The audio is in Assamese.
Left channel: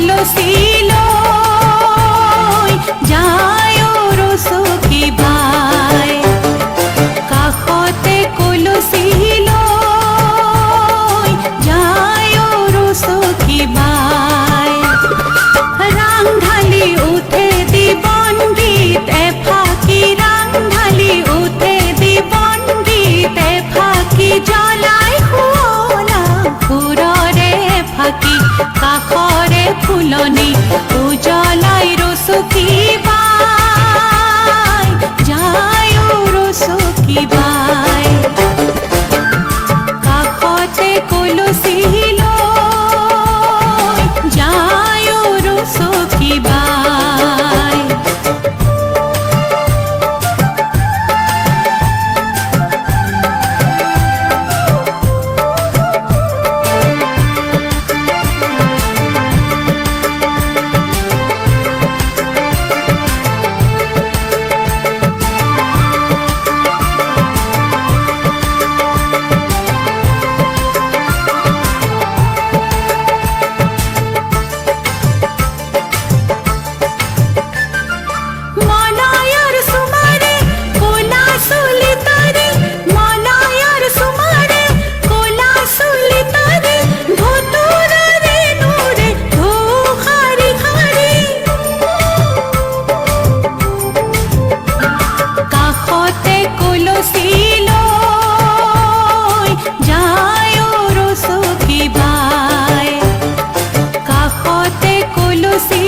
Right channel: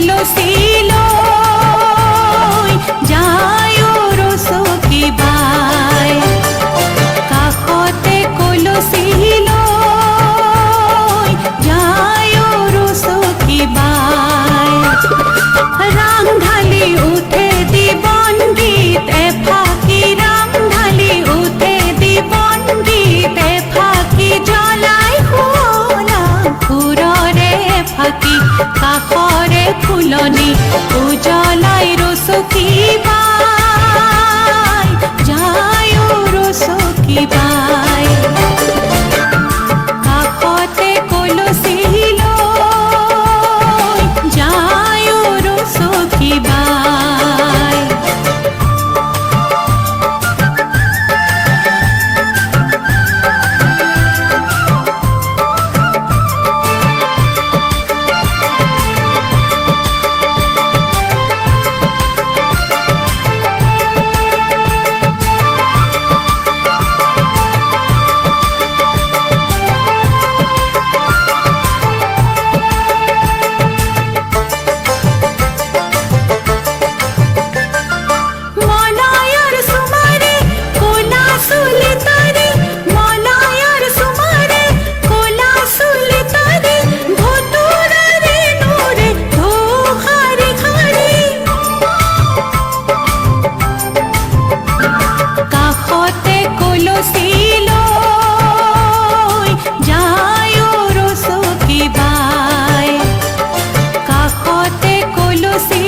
কলসি লৈ যায় ৰচকী বাই। কাষতে কলচি লৈ যায় ৰচকী বাই। ৰাং ঢালি উঠে দিবন গীত এফাকি, ৰাং ঢালি উঠে দিবন গীত এফাকি, জ্বলাই শুৱলা সুৰৰে ফাকি। কাষৰে ফুলনি উজ্বলাই ৰচকী বাই, যায় ৰচকী বাই। কাষতে কলচি লৈ যায় ৰচকী বাই। কাষতে কলচি লৈ যায় ৰচকী বাই। কাষতে কলচি